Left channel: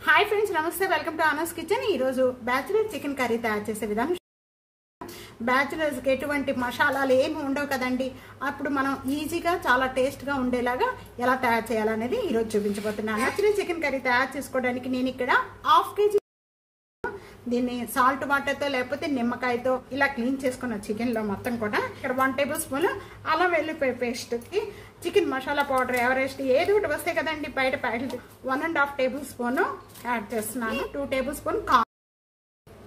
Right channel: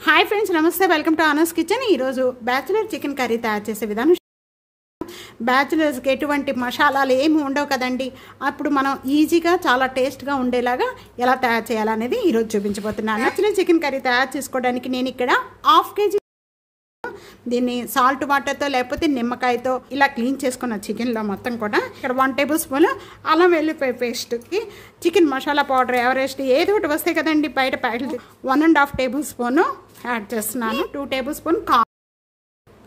हाय friends नमस्ते welcome to आनस kitchen bachelor chicken curry तैयार చేసే విధానం బ్యాచిలర్స్ కి ఎటువంటి మసాలాలు ఏమీ ఉండవు కదండి అప్పుడు మనం ఈజీగా చాలా టేస్ట్ గా ఉండేలాగా ఎలా తయారు చేయాలనేది ఈ రోజు చూపించబోతున్నాను బ్యాచిలర్ చికెన్ కర్రీ తయారు చేసుకోవడానికి నేను ఇక్కడ హాఫ్ కేజీ దీన్ని సాల్ట్ వాటర్ తో లేకపోతే నిమ్మకాయతో ఇలా క్లీన్ చేసుకున్న చికెన్ లో మొత్తం కూడా ఇక్కడ 1 టేబుల్ స్పూన్ అల్లం వెల్లుల్లి పేస్ట్ కి చికెన్ మసాలా పౌడర్ ఎవరెస్ట్ ఏదో ఒకటి వస్తాయి కదండి బయట ప్యాకెట్ 1.5 టేబుల్ స్పూన్ యాడ్ చేస్తున్నాను 2 tablespoon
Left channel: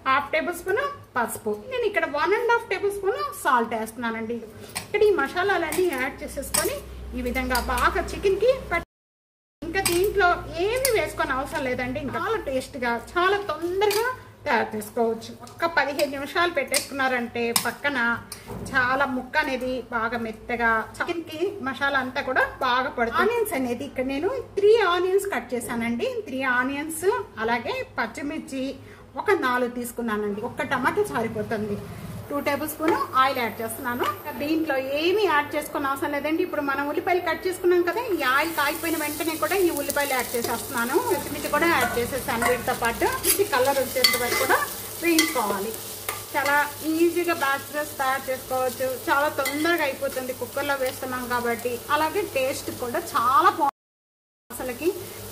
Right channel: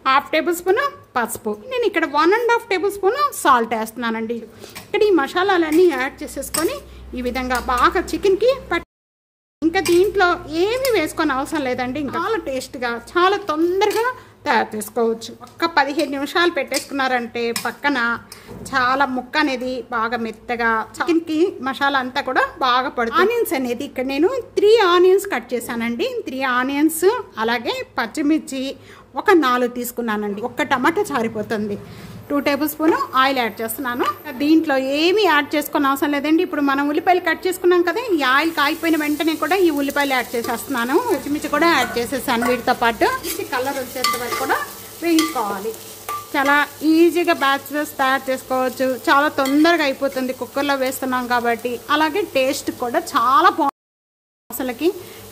half tablespoon पसुपु నేను ఇక్కడ 1.5 టేబుల్ స్పూన్ సాల్ట్ వేస్తున్నానండి ఇక్కడ ఈ మసాలాలన్నీ యాడ్ చేసేసుకొని ఈ విధంగా బాగా చికెన్ కి ఇంకా దీంట్లో ఏమీ వేసుకోని అవసరం లేదండి చాలా టేస్ట్ గా చాలా తొందరగా తయారు చేసుకోవచ్చు ఒక్క 15 నిమిషాలు పెట్టేసుకున్నారంటే పక్కన చాలా ముక్క అనేది బాగా మెత్తగా చికెన్ కి మసాలా అంతా కూడా బాగా పడుతుంది ఆనియన్స్ అనేది ఇక్కడ నేను 3 ఆనియన్స్ కట్ చేశానండి 3 ఆనియన్స్ అలాగే పచ్చిమిర్చి ఒక 4 తీసుకున్నానండి ఒక టమాటా చారిపోతుంది 2 టేబుల్ స్పూన్ ఆయిల్ యాడ్ చేస్తున్నాను దీంట్లో ఏమీ యాడ్ చేసుకోని అవసరం లేదండి ఇప్పుడు మనం ఉల్లిపాయలు కట్ చేసుకున్నాం కదా ఈ ఆయిల్ కాగిపోయిన వెంటనే కూడా ఈ ఉల్లిపాయలు యాడ్ చేసేస్తున్నాను పచ్చిమిర్చి కూడా యాడ్ చేసేసాను వీటితో పాటు ఇది కలర్ వచ్చేట్టుగా కూడా వేయించుకోవాలి చాలా ఈజీగా బ్యాచిలర్స్ తయారు చేసుకోవచ్చు చాలా తొందరగా అయిపోతుంది కుక్కర్లో వేస్తున్నాం కాబట్టి అలాగే టేస్ట్ కూడా చాలా బాగుంటుంది అసలుకి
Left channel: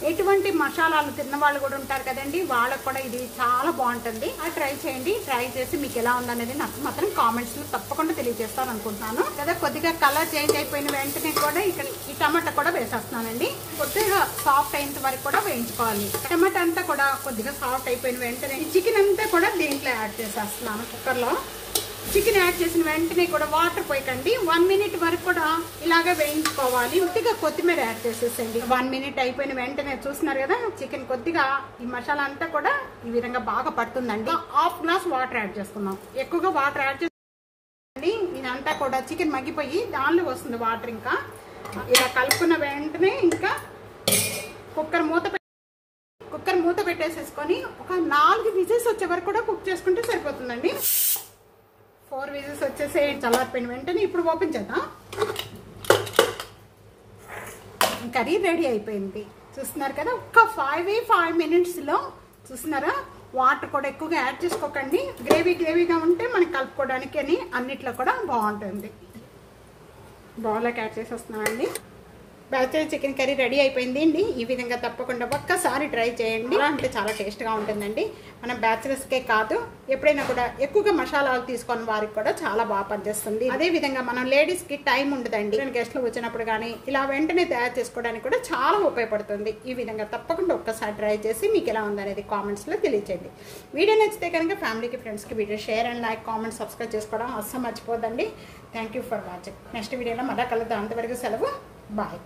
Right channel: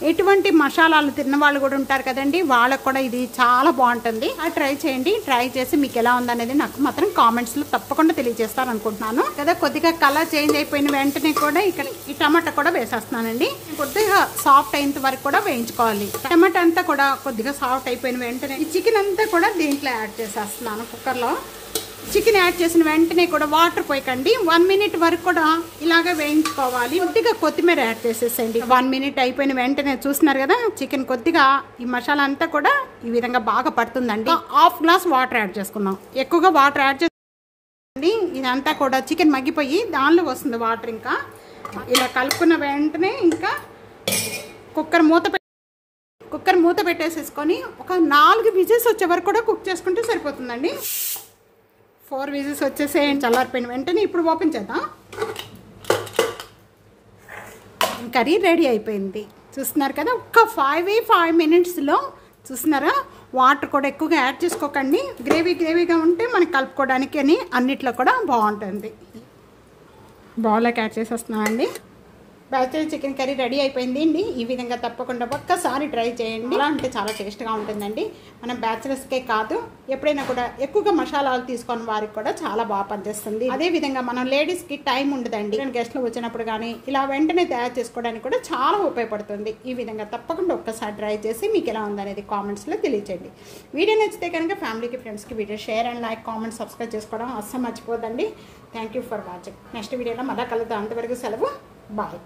ఎటువంటి మసాలాలు తిన్న వాళ్ళు కూడా ఉంటారు కదండి వాళ్ళకు కూడా ఇది చాలా బాగుంటుంది ట్రై చేయండి ట్రై చేసి మీకు ఎలా ఉందనేది నాకు మాత్రం కామెంట్స్ లో తప్పకుండా తెలియజేస్తారు అనుకుంటున్నాను కదా కొద్దిగా కలర్ చేంజ్ అయిపోయిన వెంటనే కూడా ఇక్కడ ఈ టమాటా కూడా వేసేస్తున్నానండి కొద్దిగా సాఫ్ట్ అయినంత వరకు కూడా వేయించుకోవాలి టమాటా అంతా కూడా కొద్దిగా సాఫ్ట్ అయిపోయిన వెంటనే ఈ చికెన్ అంతా కూడా దీంట్లో యాడ్ చేసేస్తున్నాను కుక్కర్ లో చికెన్ యాడ్ చేసిన వెంటనే కూడా వాటర్ పోయకండి 1 మినిట్ వరకు కూడా ఇలాగే వేయించుకోవాలి కొద్దిగా కొత్తిమీర యాడ్ చేసేసేయండి 1 మినిట్ అయిపోయిన వెంటనే చూస్తున్నారు కదా చికెన్ కొద్దిగా ఈ మసాలా అంతా కూడా ఈ విధంగా బాగా పడుతుందండి హాఫ్ గ్లాస్ వాటర్ యాడ్ చేసుకున్నాం ఎక్కువగా వాటర్ యాడ్ చేసి ఇదంతా కూడా చికెన్ మగ్గిపోయి దానిలో వస్తుంది వాటర్ ఇంకా ఇలా కలుపుకున్న వెంటనే ఇంకా కుక్కర్ మూత పెట్టేసేసుకొని ఒక 4 విజిల్స్ వచ్చే వరకు కూడా కుక్ చేసుకుంటే సరిపోతుందండి 4 విజిల్స్ వచ్చేసేయండి చల్లారిపోయిన వెంటనే ఇప్పుడు ఓపెన్ చేద్దాం కర్రీ రెడీ అయిపోయింది చూస్తున్నారు కదా ఒక్క 5 మినిట్స్లో చూస్తున్నారా వాటర్ కూడా ఎక్కువగా యాడ్ చేసుకోకండి గ్రేవీగా ఉంటే మనకి కలుపుకోవడానికి అని అన్నిట్లో కూడా బాగుంటుంది బౌల్లోకి యాడ్ చేసేస్తున్నామండి బ్యాచిలర్ చికెన్ కర్రీ రెడీ అయిపోయింది అండి ఈ విధంగా తప్పకుండా ఒక్కసారి ట్రై చేయండి అలా అంటే చాలా టేస్ట్గా ఉంటుందండి మనం బ్యాచిలర్స్కే కాదు ఎప్పుడైనా కూడా ఎక్కువగా మసాలాలు తీసుకొని వారికి కూడా చాలా బాగా పనిచేస్తుంది అదే విధంగా మనం లేడీస్కి టైం ఉండదండి గెస్ట్లు వచ్చినప్పుడు కానీ ఇలా వెంటనే తయారు చేసుకోవడానికి కూడా చాలా ఉపయోగపడుతుంది ఈ విధంగా తప్పకుండా ఒక్కసారి ట్రై చేసి మీకు ఎలా ఉందనేది కామెంట్స్లో తెలియచేయండి వీడియో నచ్చితే కనుక ఫ్యామిలీకి ఫ్రెండ్స్కి video share and like comment subscribe చేసుకోవడం అస్సలు మర్చిపోదండి thank you for watching next వీడియోలో మళ్ళీ కలుద్దాం అంతవరకు సెలవు బాయ్